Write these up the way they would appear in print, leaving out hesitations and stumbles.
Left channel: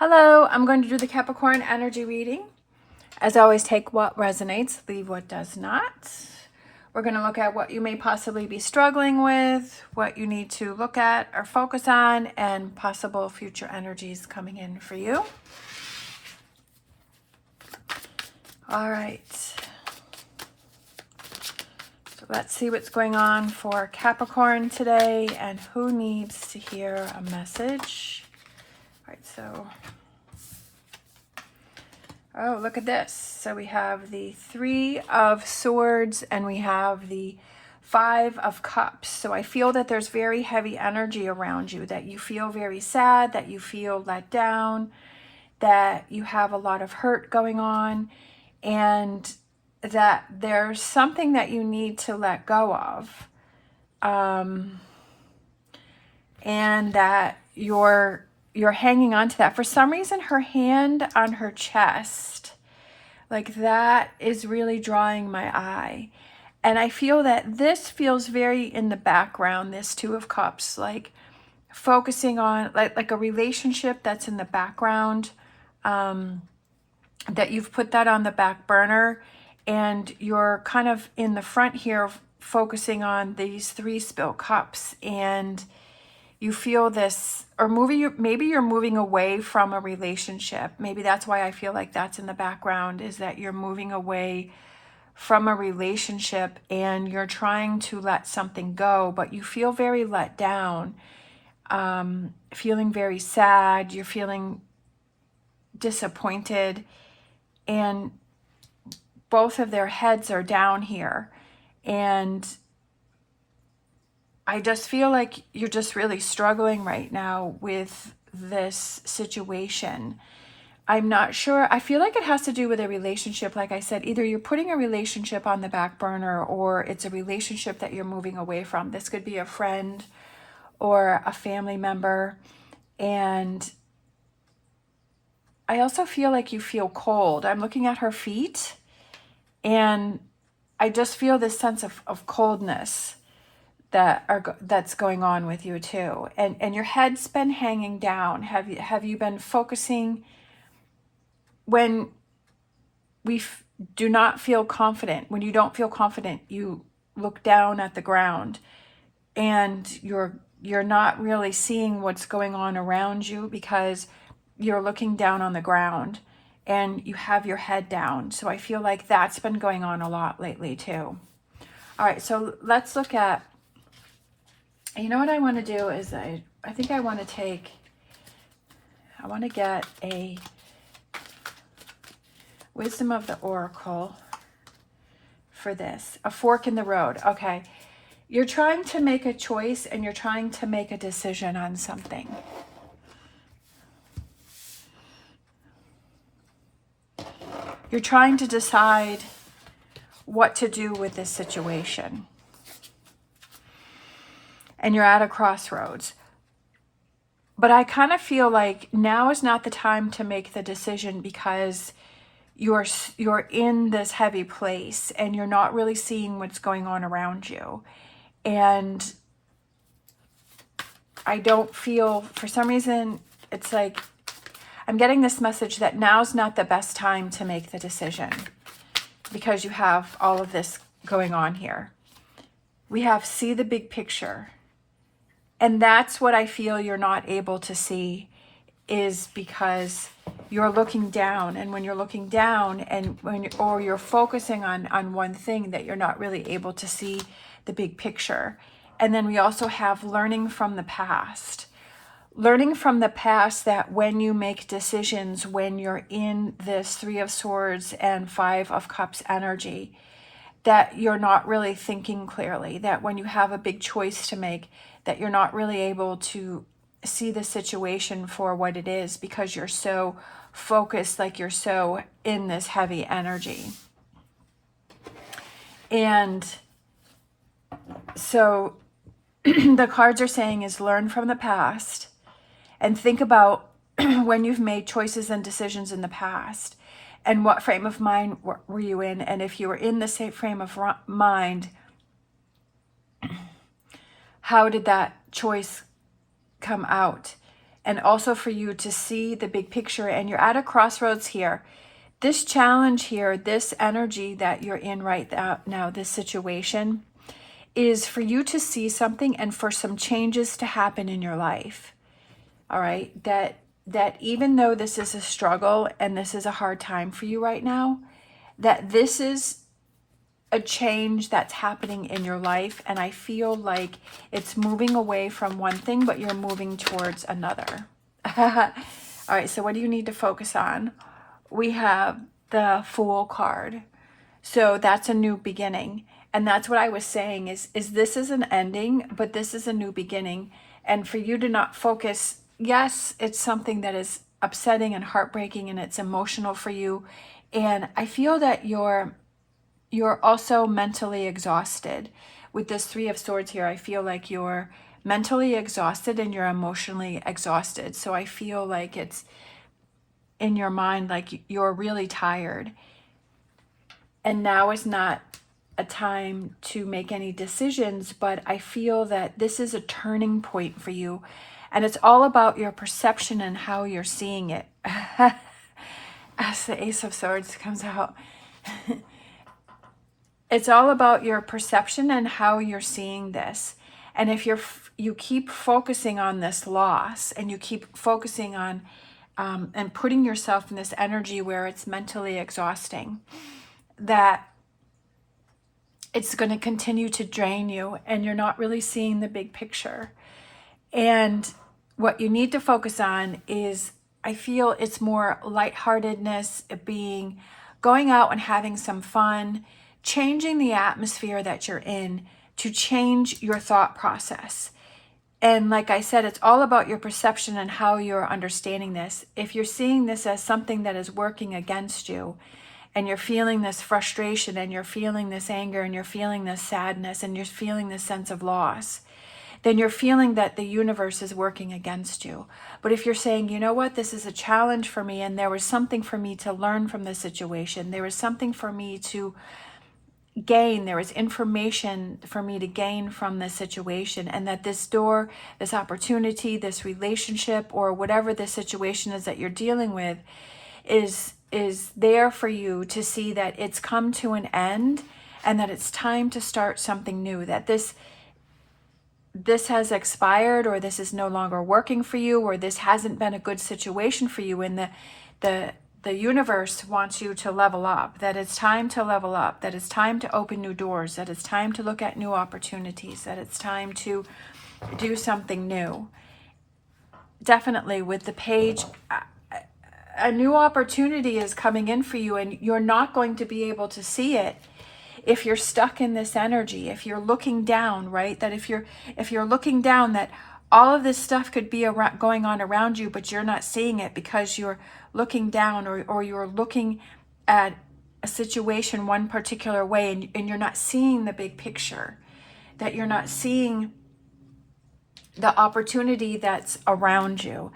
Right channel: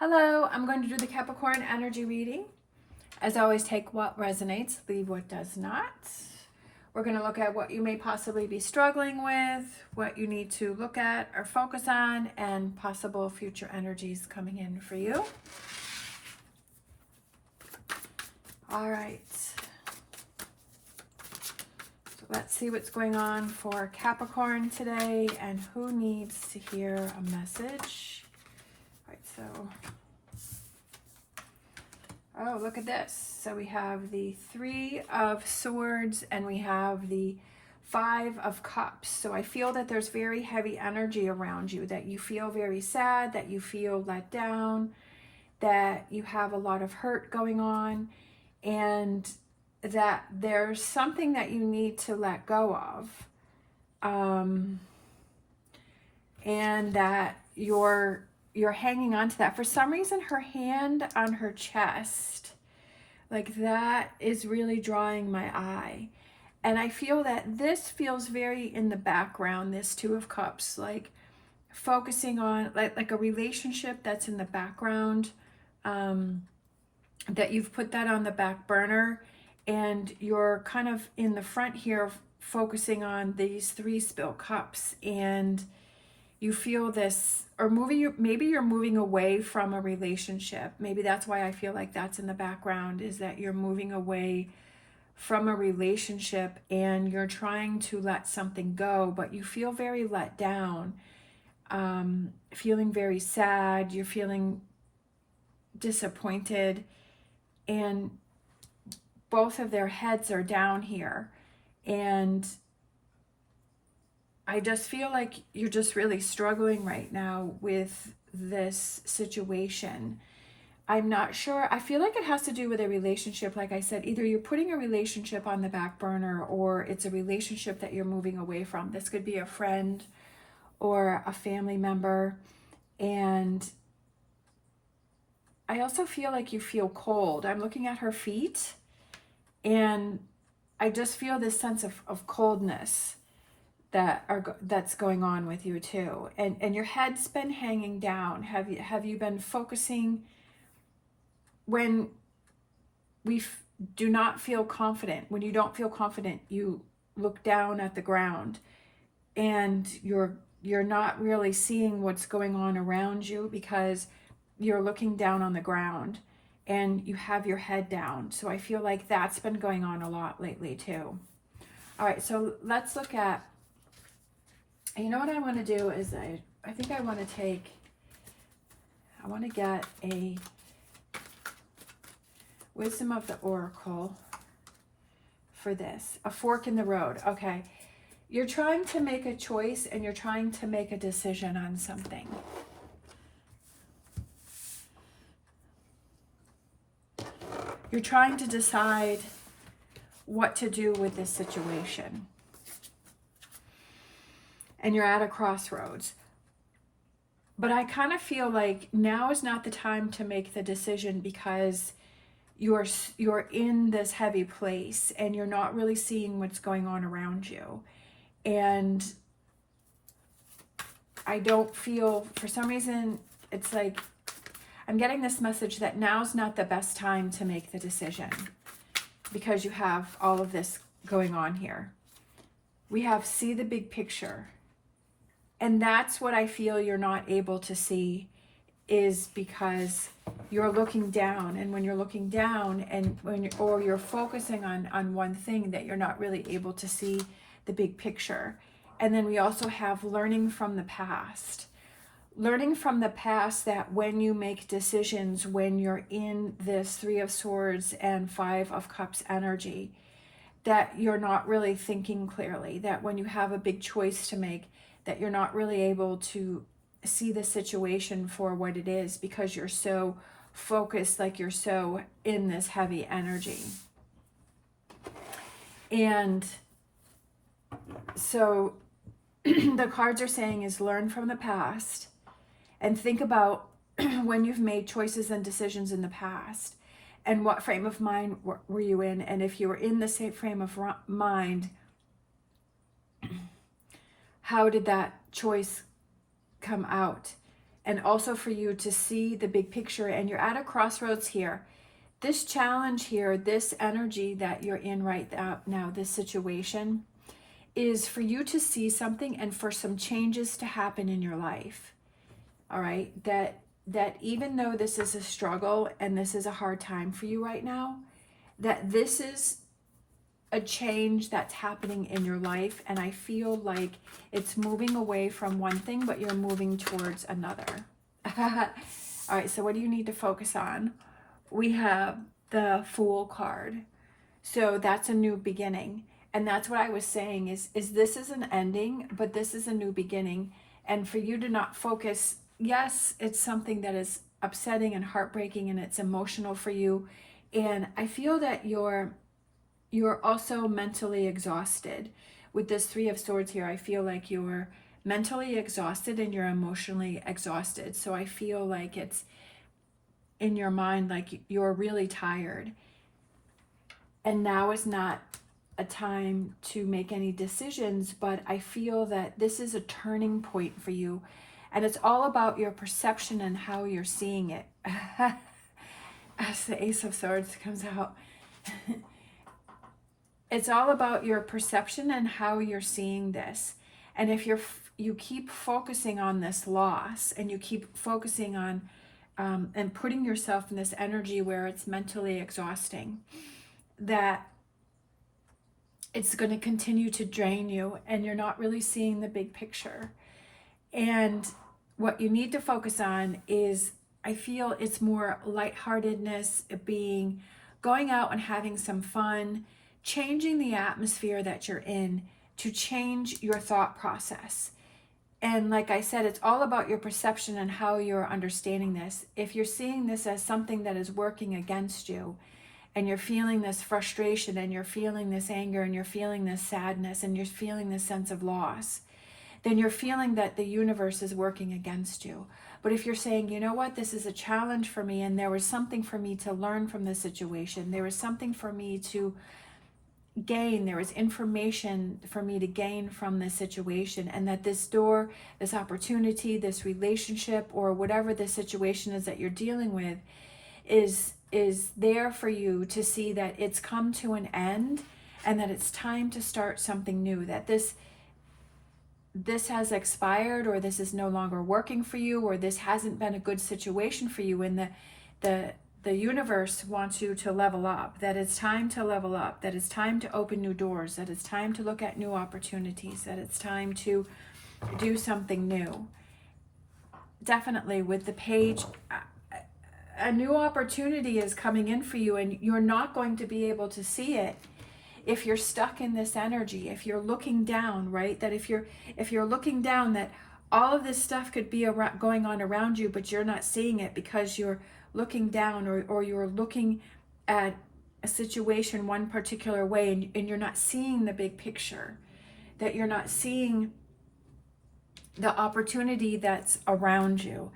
Hello, I'm going to do the Capricorn energy reading. As always, take what resonates, leave what does not. We're going to look at what you may possibly be struggling with, what you need to look at or focus on, and possible future energies coming in for you. All right. So let's see what's going on for Capricorn today and who needs to hear a message. All right, so... oh, look at this. So we have the 3 of Swords and we have the 5 of Cups. So I feel that there's very heavy energy around you, that you feel very sad, that you feel let down, that you have a lot of hurt going on, and that there's something that you need to let go of. And that you're hanging on to that. For some reason, her hand on her chest, like that is really drawing my eye. And I feel that this feels very in the background, this 2 of Cups, like focusing on like a relationship that's in the background, that you've put that on the back burner and you're kind of in the front here focusing on these 3 spilled cups, and you feel this, or maybe you're moving away from a relationship. Maybe that's why I feel like that's in the background, is that you're moving away from a relationship and you're trying to let something go, but you feel very let down, feeling very sad, you're feeling disappointed, and both of their heads are down here. And I just feel like you're just really struggling right now with this situation. I'm not sure. I feel like it has to do with a relationship. Like I said, either you're putting a relationship on the back burner or it's a relationship that you're moving away from. This could be a friend or a family member. And I also feel like you feel cold. I'm looking at her feet and I just feel this sense of coldness that's going on with you too, and your head's been hanging down. Have you been focusing? When we do not feel confident, when you don't feel confident, you look down at the ground, and you're not really seeing what's going on around you because you're looking down on the ground, and you have your head down. So I feel like that's been going on a lot lately too. All right, so let's look at. You know what I want to do is I think I want to get a Wisdom of the Oracle for this. A fork in the road. Okay. You're trying to make a choice and you're trying to make a decision on something. You're trying to decide what to do with this situation. And you're at a crossroads. But I kind of feel like now is not the time to make the decision because you're in this heavy place and you're not really seeing what's going on around you. And I don't feel, for some reason, it's like I'm getting this message that now's not the best time to make the decision because you have all of this going on here. We have see the big picture. And that's what I feel you're not able to see, is because you're looking down. And when you're looking down and or you're focusing on one thing, that you're not really able to see the big picture. And then we also have learning from the past. Learning from the past that when you make decisions, when you're in this 3 of Swords and 5 of Cups energy, that you're not really thinking clearly, that when you have a big choice to make, that you're not really able to see the situation for what it is because you're so focused, like you're so in this heavy energy. And so the cards are saying is learn from the past and think about when you've made choices and decisions in the past and what frame of mind were you in, and if you were in the same frame of mind, how did that choice come out? and also for you to see the big picture. And you're at a crossroads here. This challenge here, this energy that you're in right now, this situation, is for you to see something and for some changes to happen in your life. All right, that even though this is a struggle and this is a hard time for you right now, that this is a change that's happening in your life, and I feel like it's moving away from one thing, but you're moving towards another. All right, so what do you need to focus on? We have the Fool card. So that's a new beginning. And that's what I was saying is this is an ending, but this is a new beginning. And for you to not focus, yes, it's something that is upsetting and heartbreaking and it's emotional for you. And I feel that you're also mentally exhausted. With this Three of Swords here, I feel like you're mentally exhausted and you're emotionally exhausted. So I feel like it's in your mind, like you're really tired. And now is not a time to make any decisions, but I feel that this is a turning point for you. And it's all about your perception and how you're seeing it. As the Ace of Swords comes out. It's all about your perception and how you're seeing this. And if you keep focusing on this loss and you keep focusing on and putting yourself in this energy where it's mentally exhausting, that it's going to continue to drain you and you're not really seeing the big picture. And what you need to focus on is, I feel it's more lightheartedness, going out and having some fun, changing the atmosphere that you're in to change your thought process. And like I said, it's all about your perception and how you're understanding this. If you're seeing this as something that is working against you, and you're feeling this frustration, and you're feeling this anger, and you're feeling this sadness, and you're feeling this sense of loss, then you're feeling that the universe is working against you. But if you're saying, you know what, this is a challenge for me, and there was something for me to learn from this situation, there was something for me to gain, there was information for me to gain from this situation, and that this door, this opportunity, this relationship, or whatever the situation is that you're dealing with is there for you to see that it's come to an end and that it's time to start something new, that this has expired, or this is no longer working for you, or this hasn't been a good situation for you, and the universe wants you to level up, that it's time to level up, that it's time to open new doors, that it's time to look at new opportunities, that it's time to do something new. Definitely with the Page, a new opportunity is coming in for you, and you're not going to be able to see it if you're stuck in this energy. If you're looking down, right? That if you're looking down, that all of this stuff could be going on around you, but you're not seeing it because you're looking down, or you're looking at a situation one particular way, and you're not seeing the big picture, that you're not seeing the opportunity that's around you.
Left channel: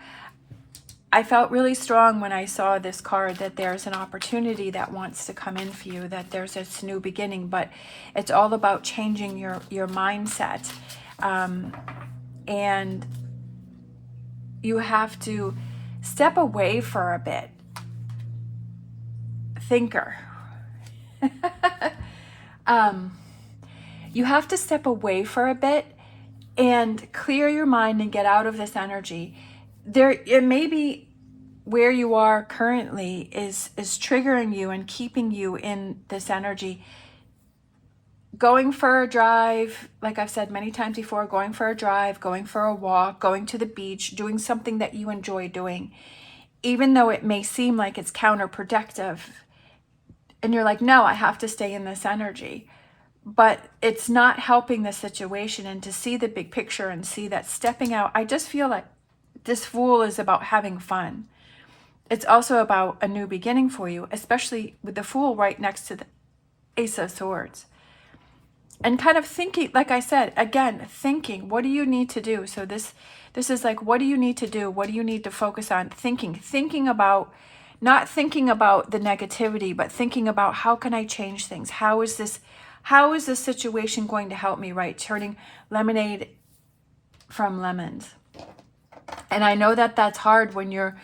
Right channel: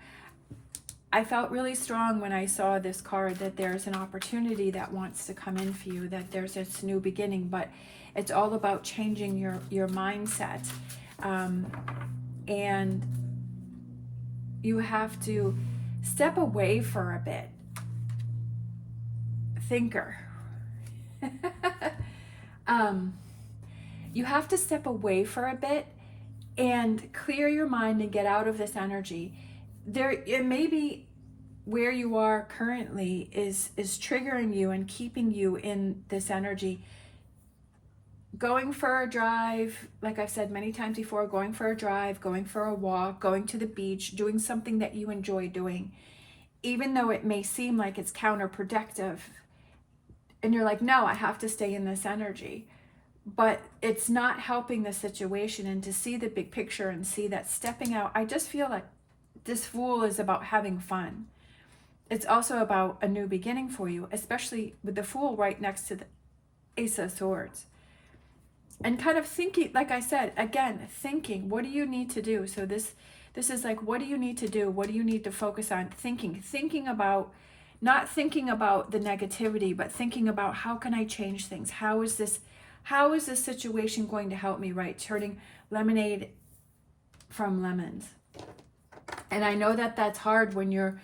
I felt really strong when I saw this card that there's an opportunity that wants to come in for you, that there's this new beginning, but it's all about changing your mindset. And you have to step away for a bit. Thinker. You have to step away for a bit and clear your mind and get out of this energy. It may be where you are currently is triggering you and keeping you in this energy. Going for a drive, like I've said many times before, going for a drive, going for a walk, going to the beach, doing something that you enjoy doing, even though it may seem like it's counterproductive, and you're like, no, I have to stay in this energy, but it's not helping the situation. And to see the big picture and see that stepping out, I just feel like this Fool is about having fun. It's also about a new beginning for you, especially with the Fool right next to the Ace of Swords. And kind of thinking, like I said, again, thinking, what do you need to do? So this is like, what do you need to do? What do you need to focus on? Thinking about, not thinking about the negativity, but thinking about, how can I change things? How is this situation going to help me, right? Turning lemonade from lemons. And I know that that's hard when you're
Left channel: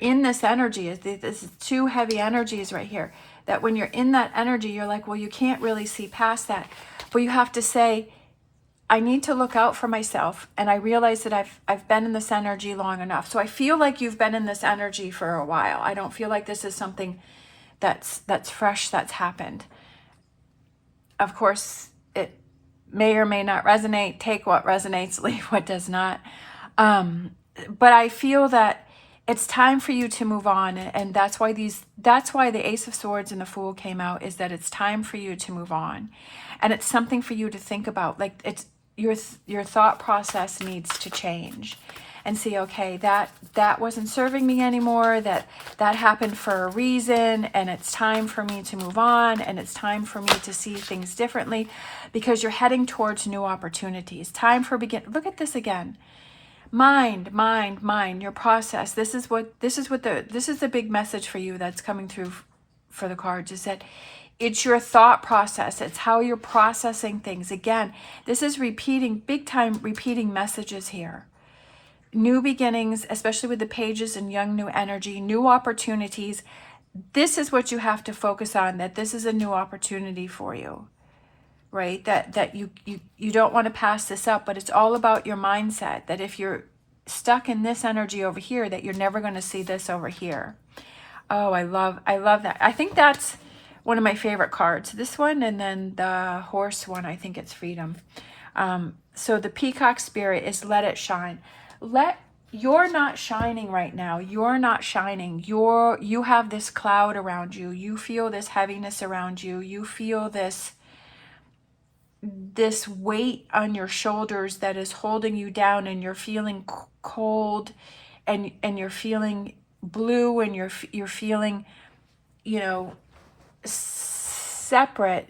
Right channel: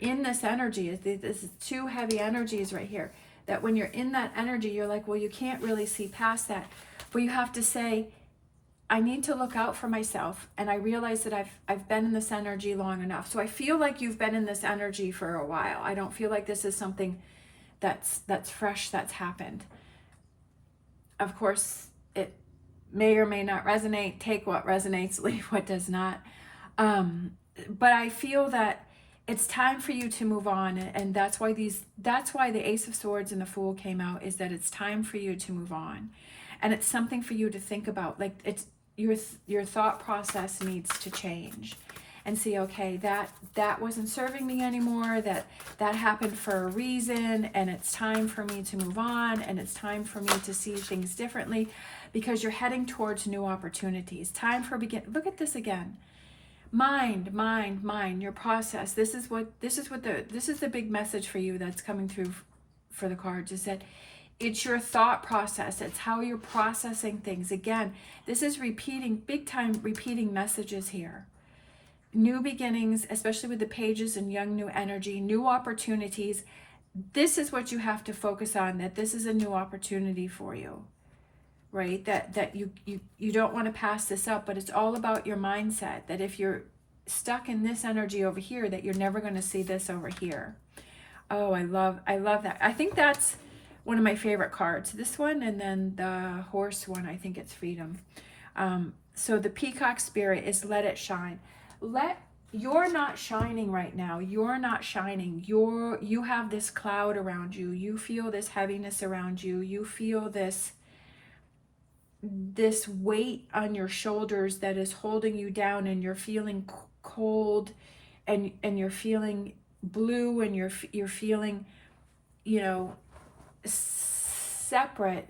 in this energy. This is two heavy energies right here. That when you're in that energy, you're like, well, you can't really see past that. But you have to say, I need to look out for myself. And I realize that I've been in this energy long enough. So I feel like you've been in this energy for a while. I don't feel like this is something that's fresh, that's happened. Of course, it may or may not resonate. Take what resonates, leave what does not. But I feel that it's time for you to move on, and that's why the Ace of Swords and the Fool came out, is that it's time for you to move on. And it's something for you to think about. Like, it's your thought process needs to change and see, okay, that wasn't serving me anymore, that happened for a reason, and it's time for me to move on, and it's time for me to see things differently, because you're heading towards new opportunities. Time for look at this again. Mind, your process. This is the big message for you that's coming through for the cards, is that it's your thought process. It's how you're processing things. Again, this is big time repeating messages here. New beginnings, especially with the pages and young new energy, new opportunities. This is what you have to focus on, that this is a new opportunity for you. Right? That you don't want to pass this up, but it's all about your mindset, that if you're stuck in this energy over here, that you're never going to see this over here. Oh, I love that. I think that's one of my favorite cards. This one, and then the horse one, I think it's freedom. So the peacock spirit is let it shine. You're not shining right now. You're not shining. You have this cloud around you. You feel this heaviness around you. You feel this weight on your shoulders that is holding you down, and you're feeling cold, and you're feeling blue, and you're feeling, separate,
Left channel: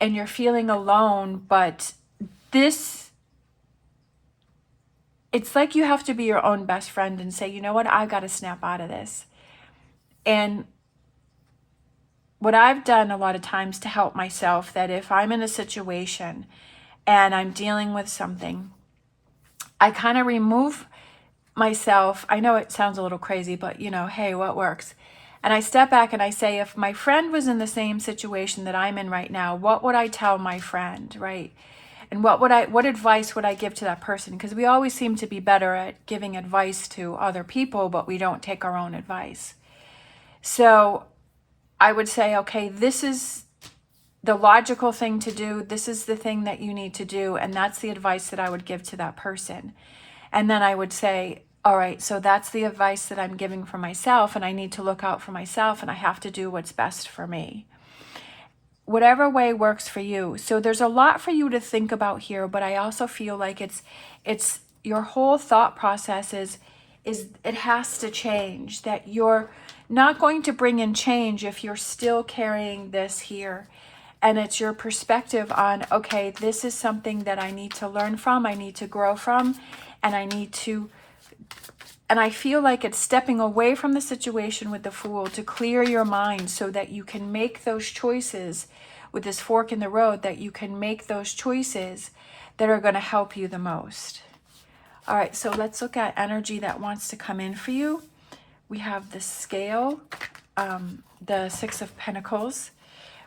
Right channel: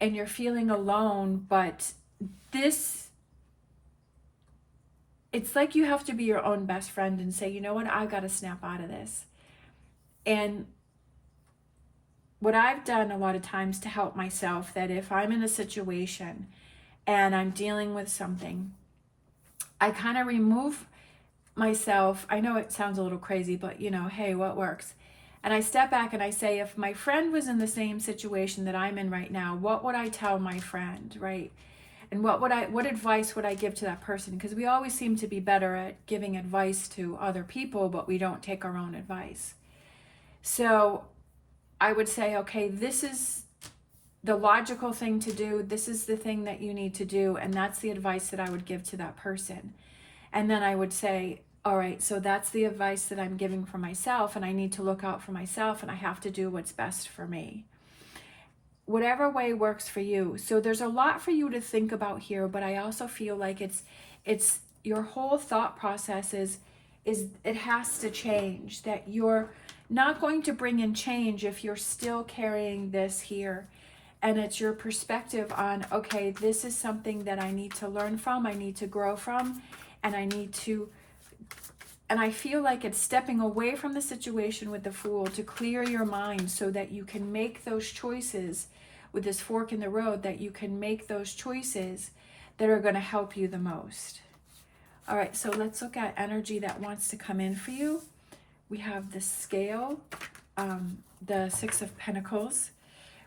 and you're feeling alone. But it's like you have to be your own best friend and say, you know what, I've got to snap out of this. And what I've done a lot of times to help myself, that if I'm in a situation and I'm dealing with something, I kind of remove myself. I know it sounds a little crazy, but hey, what works? And I step back and I say, if my friend was in the same situation that I'm in right now, what would I tell my friend, right? And what advice would I give to that person? Because we always seem to be better at giving advice to other people, but we don't take our own advice. So I would say, okay, this is the logical thing to do. This is the thing that you need to do. And that's the advice that I would give to that person. And then I would say, all right, so that's the advice that I'm giving for myself, and I need to look out for myself, and I have to do what's best for me. Whatever way works for you. So there's a lot for you to think about here, but I also feel like it's your whole thought process is it has to change, that you're not going to bring in change if you're still carrying this here. And it's your perspective on, okay, this is something that I need to learn from, I need to grow from, and I feel like it's stepping away from the situation with the Fool to clear your mind so that you can make those choices with this fork in the road, that you can make those choices that are going to help you the most. All right, so let's look at energy that wants to come in for you. We have the Scale, the Six of Pentacles,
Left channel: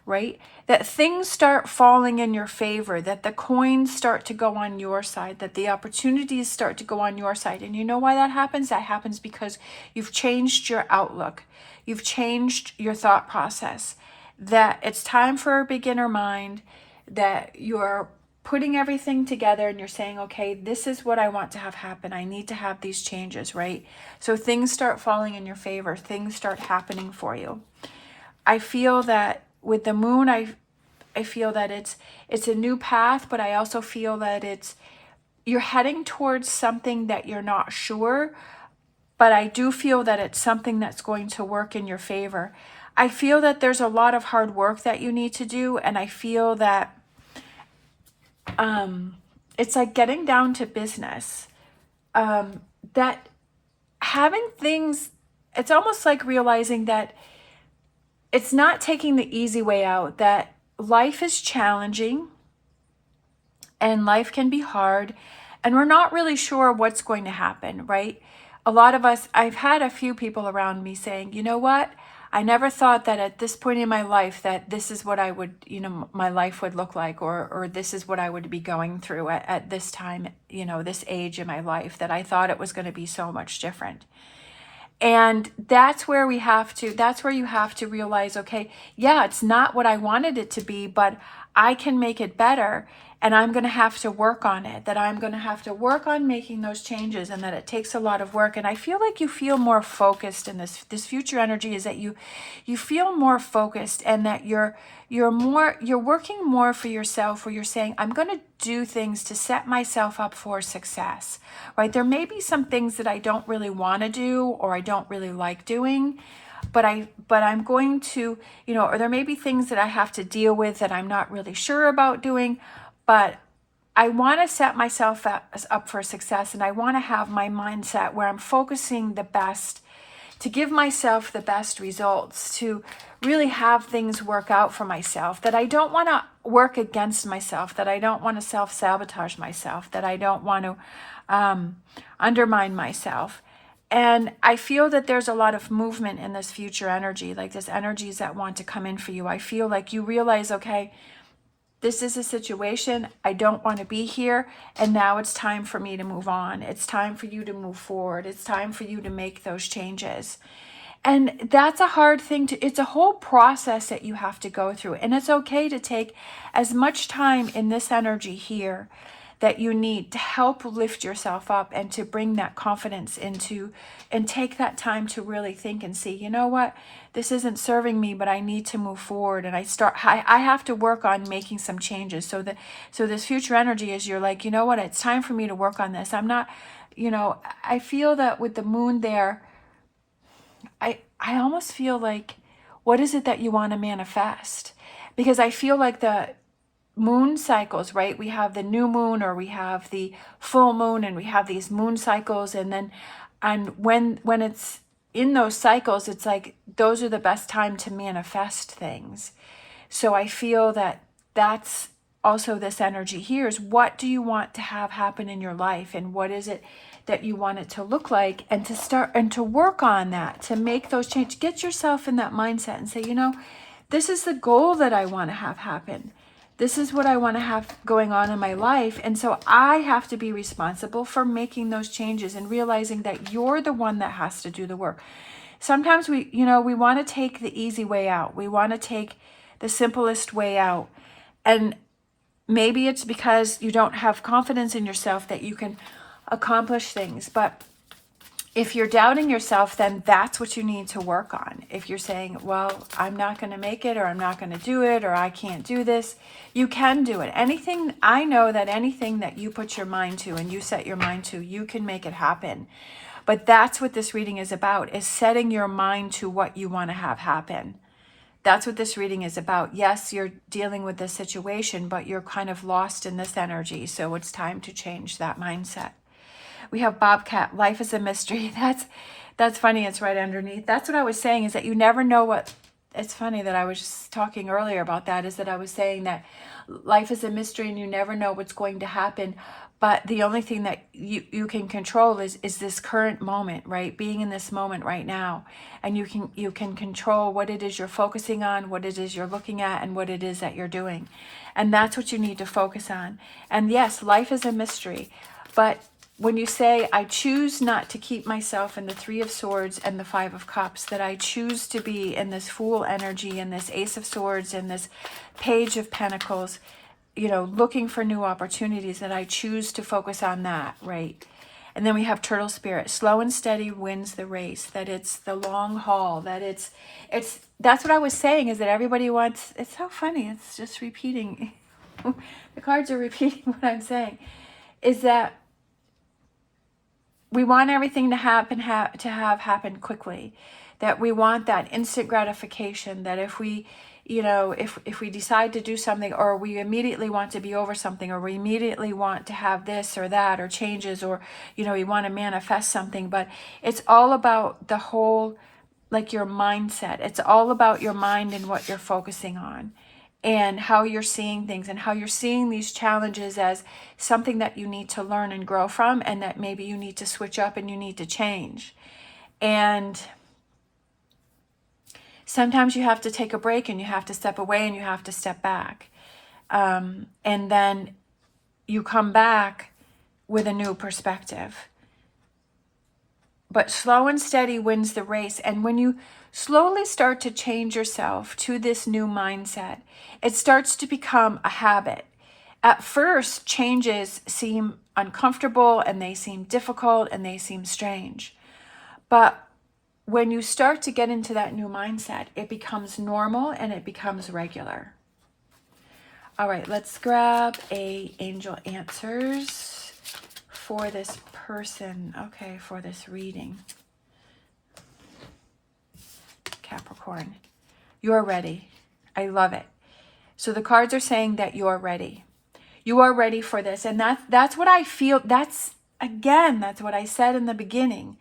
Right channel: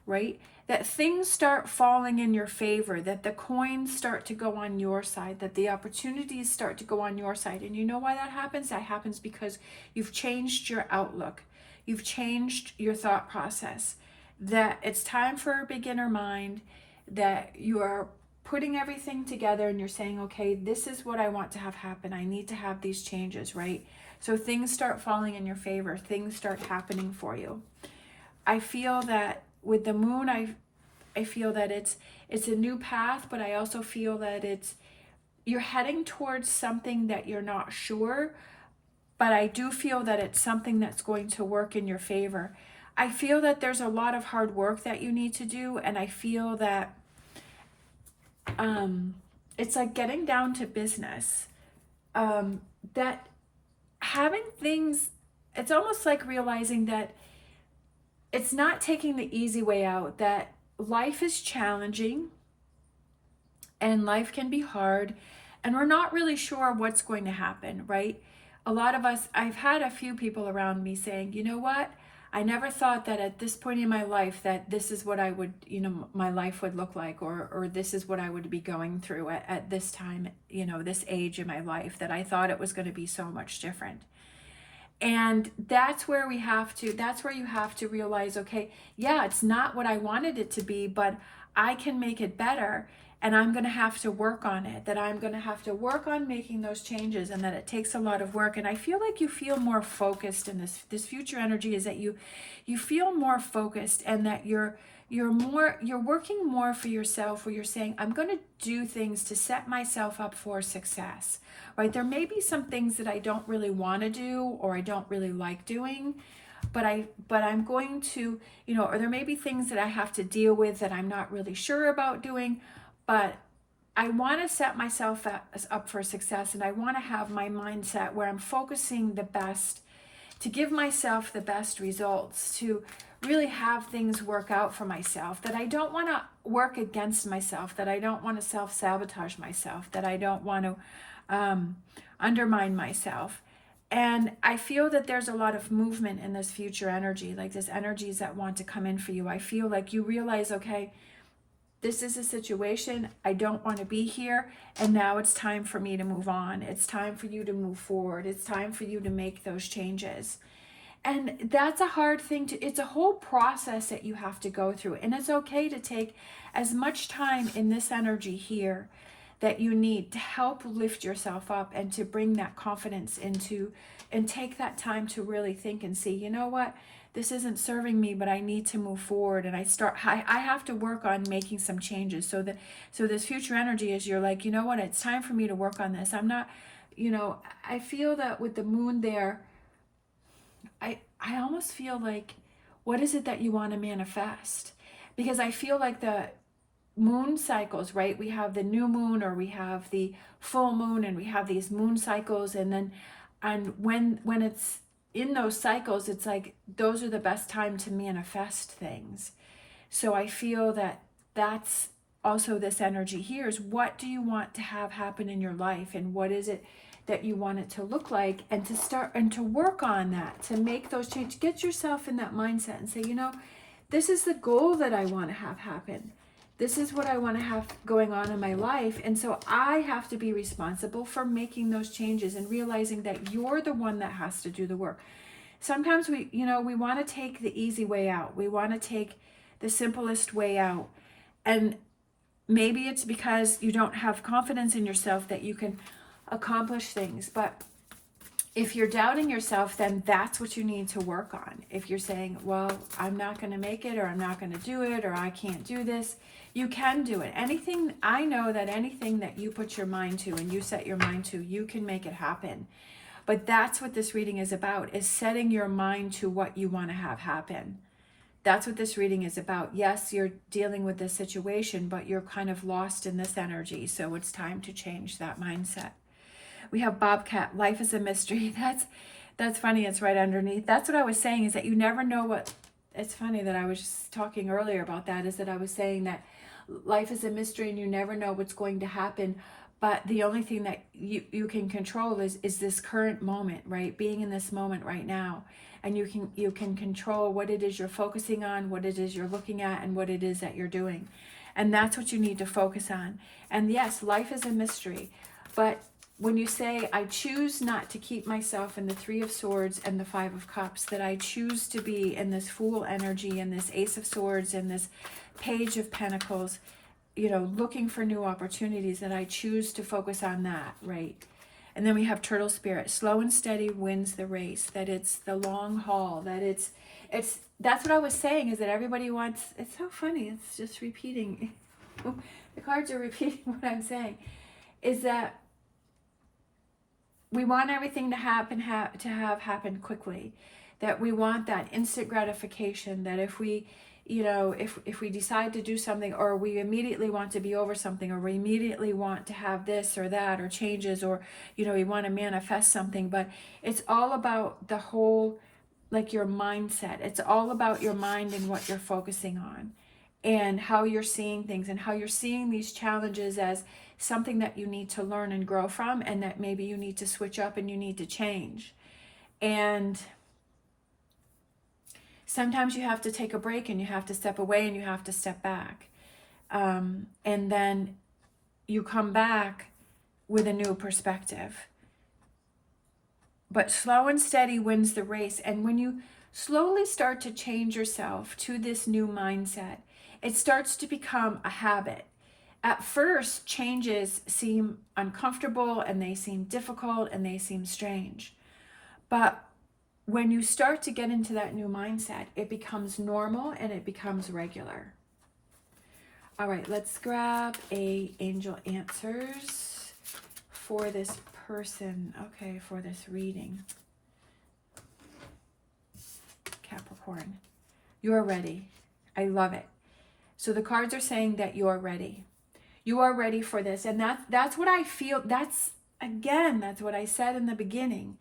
right? That things start falling in your favor, that the coins start to go on your side, that the opportunities start to go on your side. And you know why that happens? That happens because you've changed your outlook. You've changed your thought process, that it's time for a beginner mind, that you're putting everything together and you're saying, okay, this is what I want to have happen. I need to have these changes, right? So things start falling in your favor. Things start happening for you. I feel that with the Moon, I feel that it's a new path, but I also feel that you're heading towards something that you're not sure, but I do feel that it's something that's going to work in your favor. I feel that there's a lot of hard work that you need to do, and I feel that it's like getting down to business. That having things, it's almost like realizing that it's not taking the easy way out, that life is challenging and life can be hard, And we're not really sure what's going to happen, right? A lot of us, I've had a few people around me saying, you know what? I never thought that at this point in my life that this is what I would, my life would look like, or this is what I would be going through at this time, this age in my life, that I thought it was going to be so much different. And that's where you have to realize, okay, yeah, it's not what I wanted it to be, but I can make it better. And I'm going to have to work on it, that I'm going to have to work on making those changes, and that it takes a lot of work. And I feel like you feel more focused in this future energy, is that you feel more focused, and that you're working more for yourself, where you're saying, I'm going to do things to set myself up for success, right? There may be some things that I don't really want to do, or I don't really like doing, but I'm going to, or there may be things that I have to deal with that I'm not really sure about doing, but I want to set myself up for success, and I want to have my mindset where I'm focusing the best, to give myself the best results, to really have things work out for myself, that I don't want to work against myself, that I don't want to self-sabotage myself, that I don't want to undermine myself. And I feel that there's a lot of movement in this future energy, like this energies that want to come in for you. I feel like you realize, okay, this is a situation, I don't want to be here, and now it's time for me to move on. It's time for you to move forward. It's time for you to make those changes. And that's a hard thing it's a whole process that you have to go through. And it's okay to take as much time in this energy here that you need to help lift yourself up, and to bring that confidence into, and take that time to really think and see, you know what, this isn't serving me, but I need to move forward. And I have to work on making some changes. So this future energy is, you're like, you know what, it's time for me to work on this. I'm not, I feel that with the moon there, I almost feel like, what is it that you want to manifest? Because I feel like the moon cycles, right? We have the new moon, or we have the full moon, and we have these moon cycles. And when it's in those cycles, it's like, those are the best time to manifest things. So I feel that that's also this energy here, is what do you want to have happen in your life, and what is it that you want it to look like, and to start and to work on that, to make those changes. Get yourself in that mindset and say, this is the goal that I want to have happen. This is what I want to have going on in my life. And so I have to be responsible for making those changes, and realizing that you're the one that has to do the work. Sometimes we want to take the easy way out. We want to take the simplest way out. And maybe it's because you don't have confidence in yourself that you can accomplish things. But if you're doubting yourself, then that's what you need to work on. If you're saying, well, I'm not going to make it, or I'm not going to do it, or I can't do this, you can do it. I know that anything that you put your mind to, and you set your mind to, you can make it happen. But that's what this reading is about, is setting your mind to what you want to have happen. That's what this reading is about. Yes, you're dealing with this situation, but you're kind of lost in this energy. So it's time to change that mindset. We have Bobcat, life is a mystery. That's funny, it's right underneath. That's what I was saying, is that you never know what, it's funny that I was just talking earlier about that, is that I was saying that life is a mystery, and you never know what's going to happen. But the only thing that you can control is this current moment, right? Being in this moment right now. And you can control what it is you're focusing on, what it is you're looking at, and what it is that you're doing. And that's what you need to focus on. And yes, life is a mystery. But when you say, I choose not to keep myself in the Three of Swords and the Five of Cups, that I choose to be in this Fool energy, and this Ace of Swords, and this Page of Pentacles, looking for new opportunities, that I choose to focus on that, right? And then we have Turtle Spirit, slow and steady wins the race, that it's the long haul, that that's what I was saying, is that everybody wants, it's so funny, it's just repeating, the cards are repeating what I'm saying, is that we want everything to happen quickly, that we want that instant gratification, that if we if we decide to do something, or we immediately want to be over something, or we immediately want to have this or that, or changes, or we want to manifest something. But it's all about the whole, like, your mindset. It's all about your mind and what you're focusing on. and how you're seeing things and how you're seeing these challenges as something that you need to learn and grow from, and that maybe you need to switch up and you need to change. And sometimes you have to take a break and you have to step away and you have to step back. And then you come back with a new perspective. But slow and steady wins the race. And when you slowly start to change yourself to this new mindset, it starts to become a habit. At first, changes seem uncomfortable and they seem difficult and they seem strange. But when you start to get into that new mindset, it becomes normal and it becomes regular. All right, let's grab a angel answers for this person. Okay, for this reading. Capricorn, you're ready. I love it. So the cards are saying that you're ready. You are ready for this. And that's what I feel. That's what I said in the beginning,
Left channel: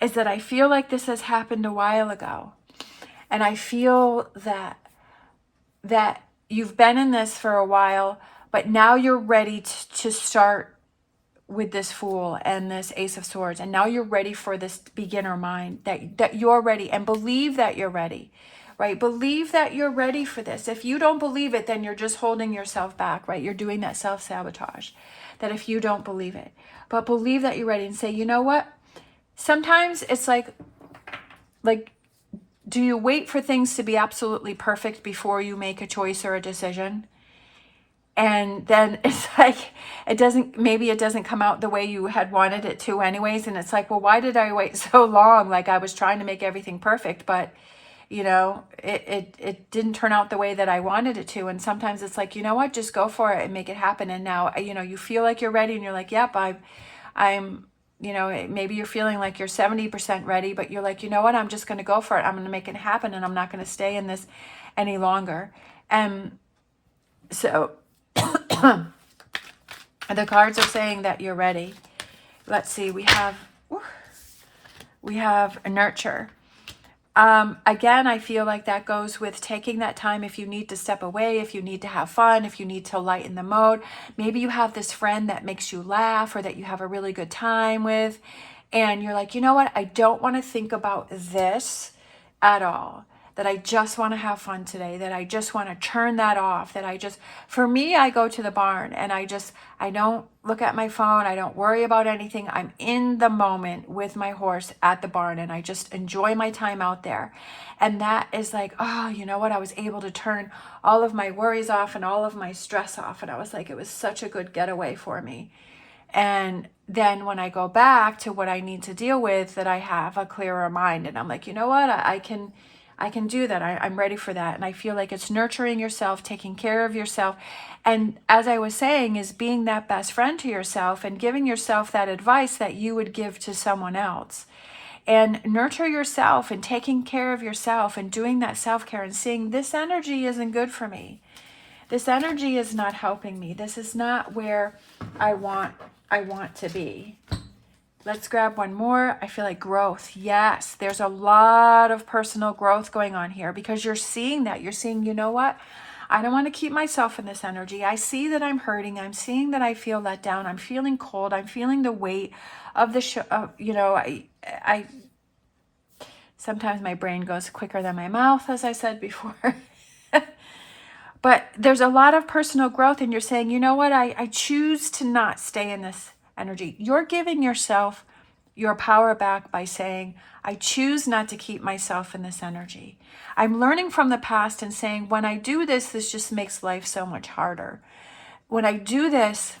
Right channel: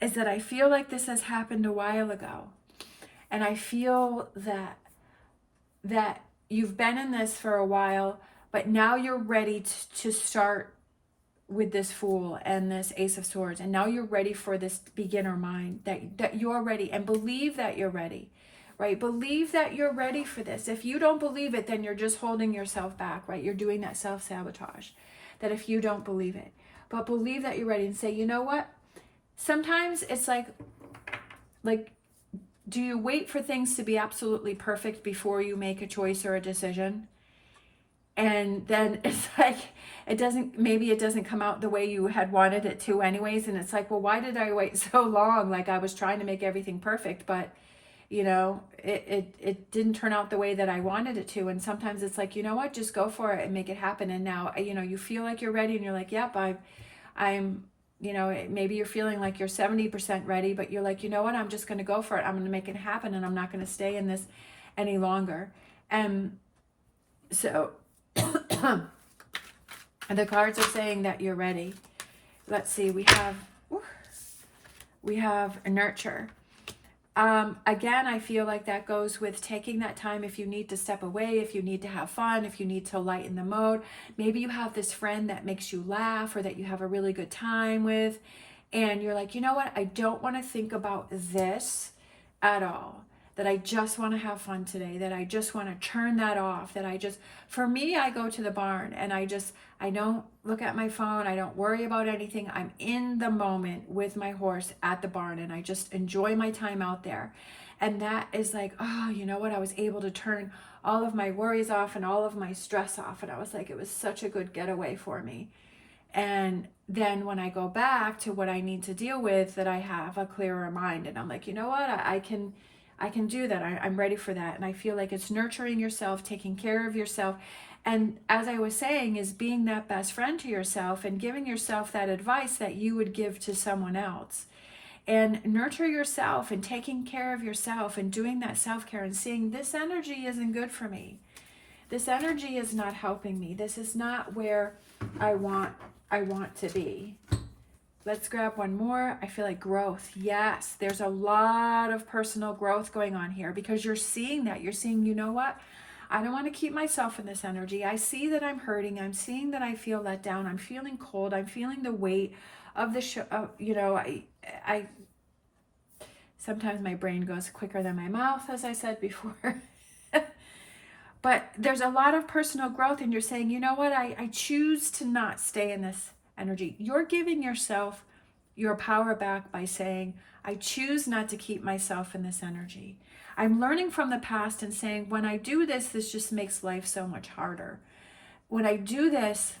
is that I feel like this has happened a while ago. And I feel that you've been in this for a while, but now you're ready to start with this Fool and this Ace of Swords. And now you're ready for this beginner mind, that you're ready, and believe that you're ready, right? Believe that you're ready for this. If you don't believe it, then you're just holding yourself back, right? You're doing that self-sabotage, that if you don't believe it. But believe that you're ready and say, you know what? Sometimes it's like, do you wait for things to be absolutely perfect before you make a choice or a decision? And then it's like, maybe it doesn't come out the way you had wanted it to anyways. And it's like, well, why did I wait so long? Like, I was trying to make everything perfect, but it didn't turn out the way that I wanted it to. And sometimes it's like, you know what, just go for it and make it happen. And now, you feel like you're ready and you're like, yep, I'm, maybe you're feeling like you're 70% ready, but you're like, you know what, I'm just going to go for it. I'm going to make it happen, and I'm not going to stay in this any longer. And so the cards are saying that you're ready. Let's see, we have a nurture. Again, I feel like that goes with taking that time. If you need to step away, if you need to have fun, if you need to lighten the mode, maybe you have this friend that makes you laugh or that you have a really good time with, and you're like, you know what, I don't want to think about this at all, that I just want to have fun today, that I just want to turn that off, for me, I go to the barn and I don't look at my phone. I don't worry about anything. I'm in the moment with my horse at the barn, and I just enjoy my time out there. And that is like, oh, you know what? I was able to turn all of my worries off and all of my stress off. And I was like, it was such a good getaway for me. And then when I go back to what I need to deal with, that I have a clearer mind, and I'm like, you know what? I can do that. I'm ready for that. And I feel like it's nurturing yourself, taking care of yourself. And as I was saying, is being that best friend to yourself and giving yourself that advice that you would give to someone else. And nurture yourself and taking care of yourself and doing that self-care and seeing, this energy isn't good for me. This energy is not helping me. This is not where I want to be. Let's grab one more. I feel like growth. Yes, there's a lot of personal growth going on here, because you're seeing that. You're seeing, you know what? I don't want to keep myself in this energy. I see that I'm hurting. I'm seeing that I feel let down. I'm feeling cold. I'm feeling the weight of the show. I sometimes my brain goes quicker than my mouth, as I said before. But there's a lot of personal growth, and you're saying, you know what? I choose to not stay in this energy. You're giving yourself your power back by saying, I choose not to keep myself in this energy. I'm learning from the past and saying, when I do this, this just makes life so much harder. When I do this,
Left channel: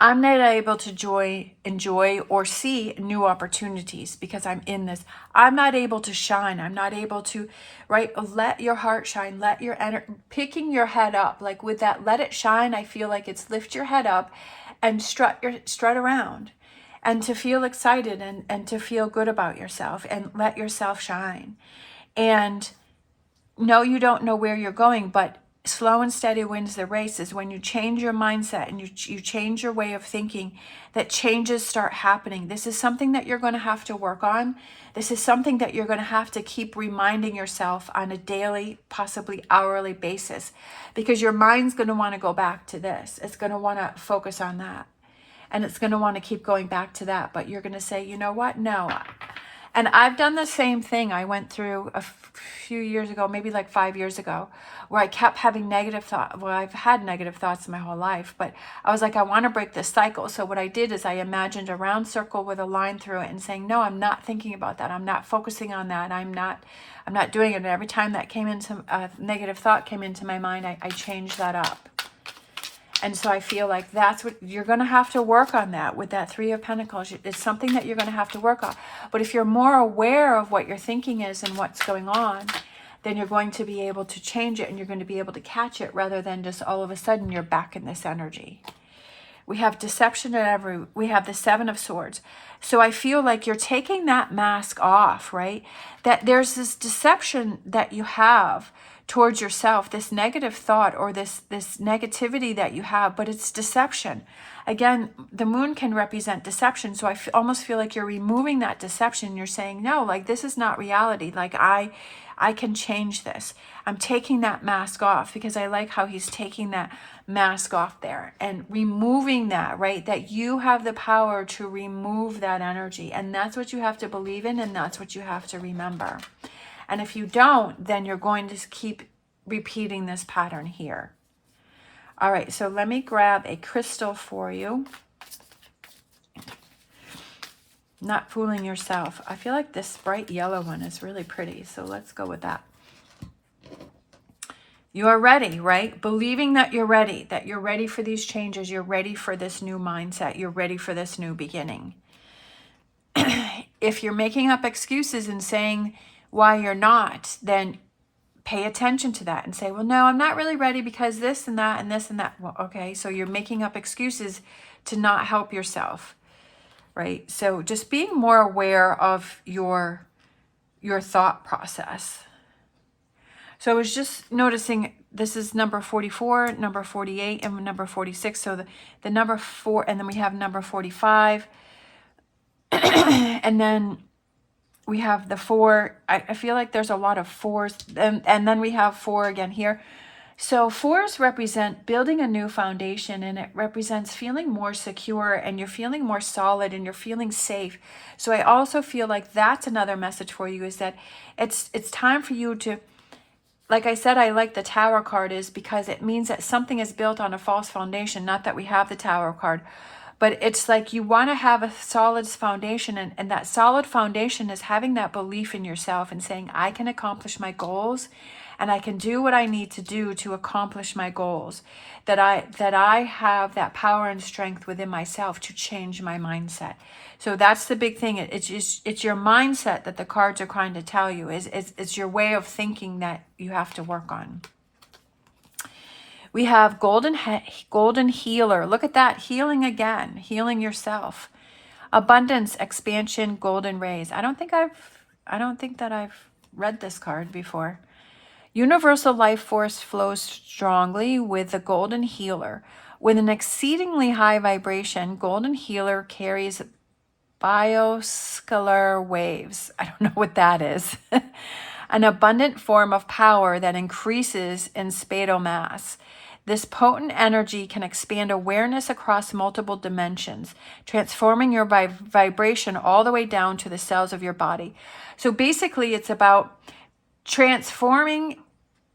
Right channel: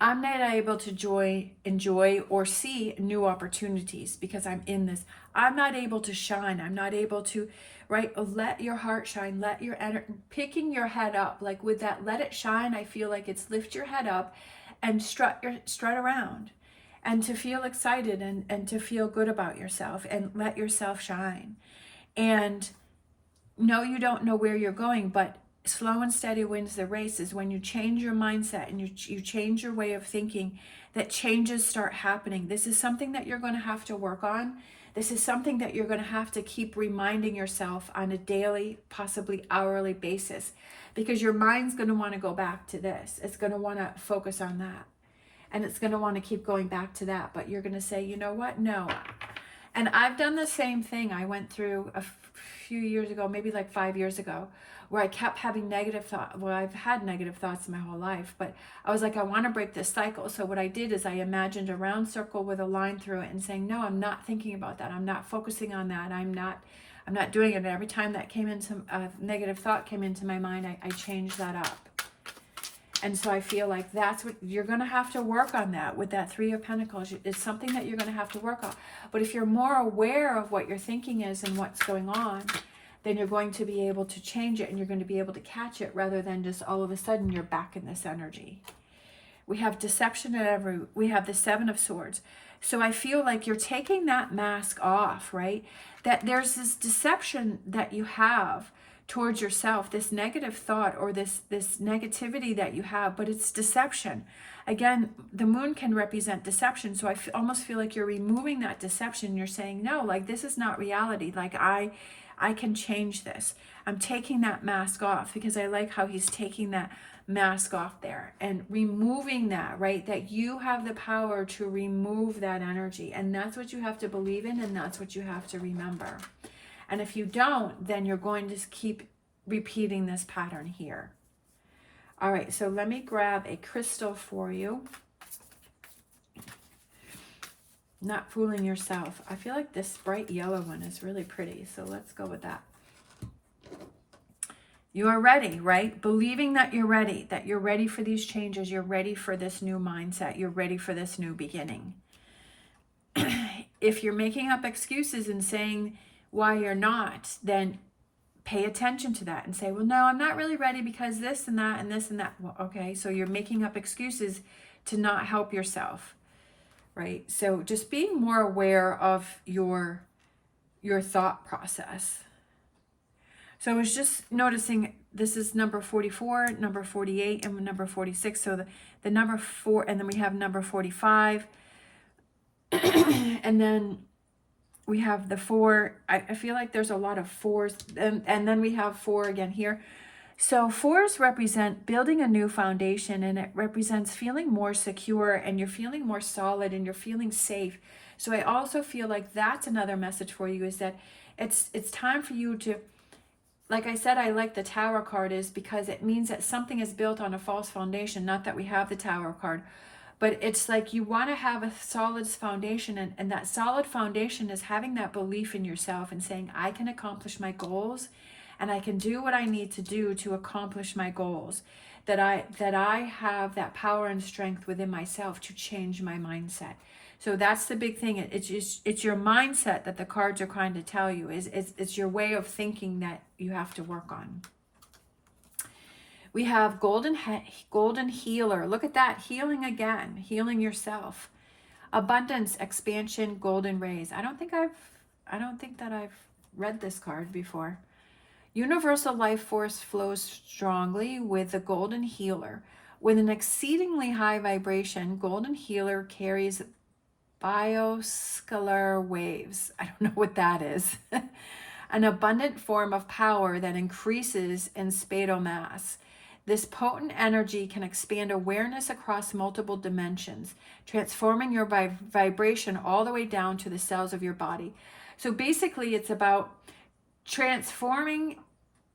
I'm not able to enjoy or see new opportunities because I'm in this. I'm not able to shine. I'm not able to, right? Let your heart shine. Let your picking your head up, like with that, let it shine. I feel like it's lift your head up and strut around, and to feel excited and to feel good about yourself, and let yourself shine. And no, you don't know where you're going, but slow and steady wins the race is when you change your mindset and you change your way of thinking, that changes start happening. This is something that you're going to have to work on. This is something that you're going to have to keep reminding yourself on a daily, possibly hourly basis, because your mind's going to want to go back to this. It's going to want to focus on that. And it's going to want to keep going back to that. But you're going to say, you know what? No. And I've done the same thing. I went through a few years ago, maybe like 5 years ago, where I kept having negative thoughts. Well, I've had negative thoughts my whole life, but I was like, I want to break this cycle. So what I did is I imagined a round circle with a line through it and saying, no, I'm not thinking about that. I'm not focusing on that. I'm not doing it. And every time that came into a negative thought came into my mind, I changed that up. And so I feel like that's what you're going to have to work on, that with that Three of Pentacles. It's something that you're going to have to work on. But if you're more aware of what your thinking is and what's going on, then you're going to be able to change it and you're going to be able to catch it, rather than just all of a sudden you're back in this energy. We have deception we have the Seven of Swords. So I feel like you're taking that mask off, right? That there's this deception that you have towards yourself, this negative thought or this negativity that you have, but it's deception. Again, the moon can represent deception. So I almost feel like you're removing that deception. You're saying, no, like this is not reality. Like I can change this. I'm taking that mask off, because I like how he's taking that mask off there and removing that, right? That you have the power to remove that energy. And that's what you have to believe in. And that's what you have to remember. And if you don't, then you're going to keep repeating this pattern here. All right, so let me grab a crystal for you. Not fooling yourself. I feel like this bright yellow one is really pretty, so let's go with that. You are ready, right? Believing that you're ready for these changes. You're ready for this new mindset. You're ready for this new beginning. If you're making up excuses and saying why you're not, then pay attention to that and say, well, no, I'm not really ready because this and that and this and that. Well, okay, so you're making up excuses to not help yourself, right? So just being more aware of your thought process. So I was just noticing this is number 44, number 48, and number 46. So the number 4, and then we have number 45. And then we have the 4. I feel like there's a lot of 4s. And then we have 4 again here. So 4s represent building a new foundation, and it represents feeling more secure, and you're feeling more solid, and you're feeling safe. So I also feel like that's another message for you, is that it's time for you to, like I said, I like the Tower card is because it means that something is built on a false foundation. Not that we have the Tower card, but it's like you want to have a solid foundation, and that solid foundation is having that belief in yourself and saying, I can accomplish my goals, and I can do what I need to do to accomplish my goals. That I have that power and strength within myself to change my mindset. So that's the big thing. It's your mindset that the cards are trying to tell you. It's your way of thinking that you have to work on. We have golden healer. Look at that, healing again, healing yourself. Abundance, expansion, golden rays. I don't think that I've read this card before. Universal life force flows strongly with the golden healer. With an exceedingly high vibration, golden healer carries bioscalar waves. I don't know what that is. An abundant form of power that increases in spatial mass. This potent energy can expand awareness across multiple dimensions, transforming your vibration all the way down to the cells of your body. So basically, it's about transforming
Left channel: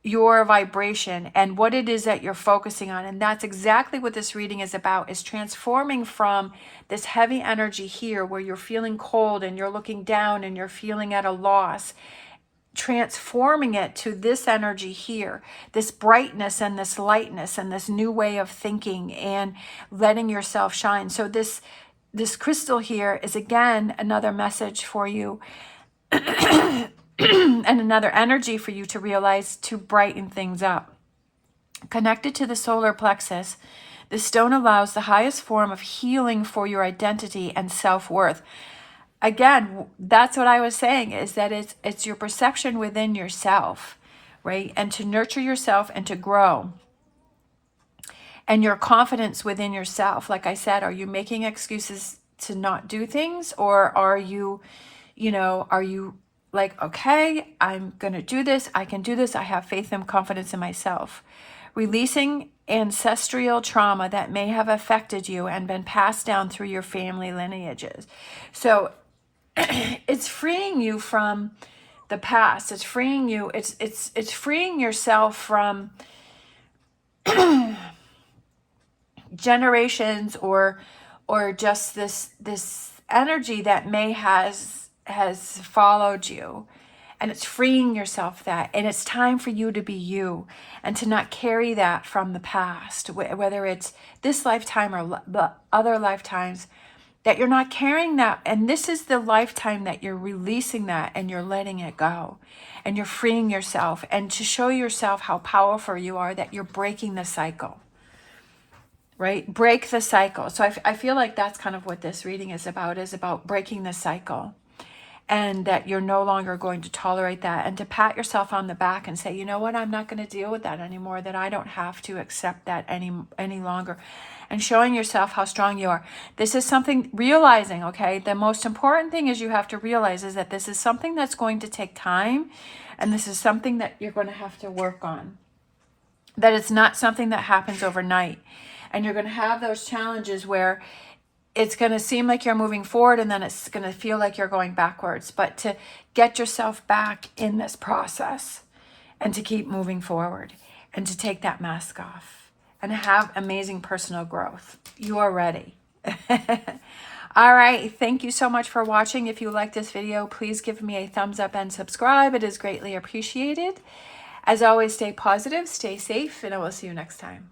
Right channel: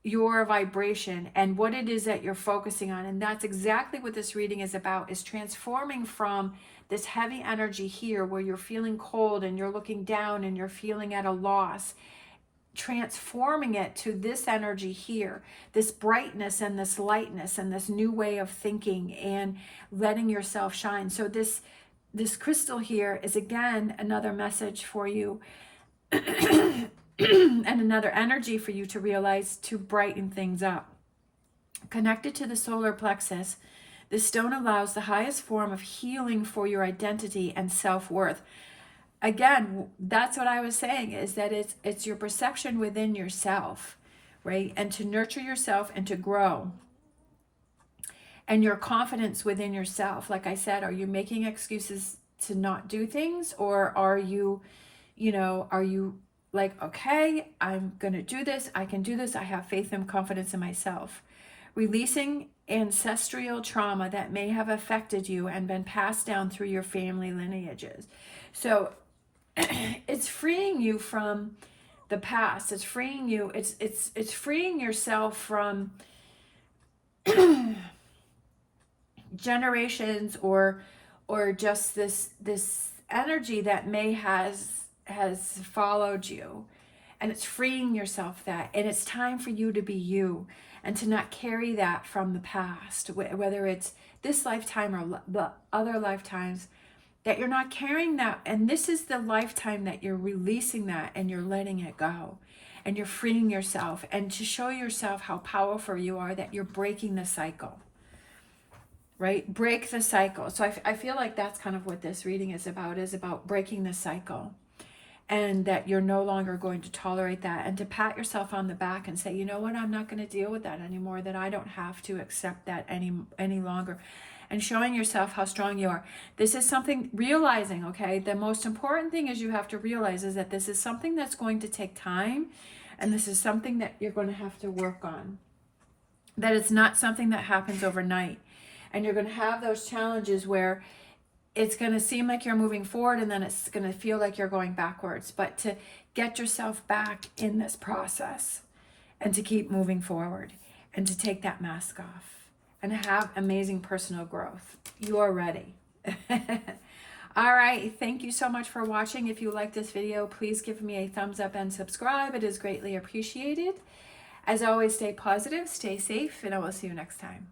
your vibration and what it is that you're focusing on. And that's exactly what this reading is about, is transforming from this heavy energy here where you're feeling cold and you're looking down and you're feeling at a loss, transforming it to this energy here, this brightness and this lightness and this new way of thinking and letting yourself shine. So this crystal here is again another message for you and another energy for you to realize to brighten things up. Connected to the solar plexus, the stone allows the highest form of healing for your identity and self-worth. Again, that's what I was saying, is that it's your perception within yourself, right? And to nurture yourself and to grow. And your confidence within yourself. Like I said, are you making excuses to not do things? Or are you, are you like, okay, I'm going to do this. I can do this. I have faith and confidence in myself. Releasing ancestral trauma that may have affected you and been passed down through your family lineages. So it's freeing you from the past. It's freeing you. It's freeing yourself from generations or just this energy that may has followed you, and it's freeing yourself that, and it's time for you to be you and to not carry that from the past, whether it's this lifetime or the other lifetimes, that you're not carrying that. And this is the lifetime that you're releasing that and you're letting it go and you're freeing yourself, and to show yourself how powerful you are, that you're breaking the cycle. Right? Break the cycle. So I feel like that's kind of what this reading is about breaking the cycle, and that you're no longer going to tolerate that, and to pat yourself on the back and say, you know what, I'm not going to deal with that anymore, that I don't have to accept that any longer, and showing yourself how strong you are. This is something, realizing, okay, the most important thing is you have to realize is that this is something that's going to take time, and this is something that you're going to have to work on, that it's not something that happens overnight. And you're going to have those challenges where it's going to seem like you're moving forward, and then it's going to feel like you're going backwards. But to get yourself back in this process and to keep moving forward and to take that mask off and have amazing personal growth. You are ready. All right. Thank you so much for watching. If you like this video, please give me a thumbs up and subscribe. It is greatly appreciated. As always, stay positive, stay safe, and I will see you next time.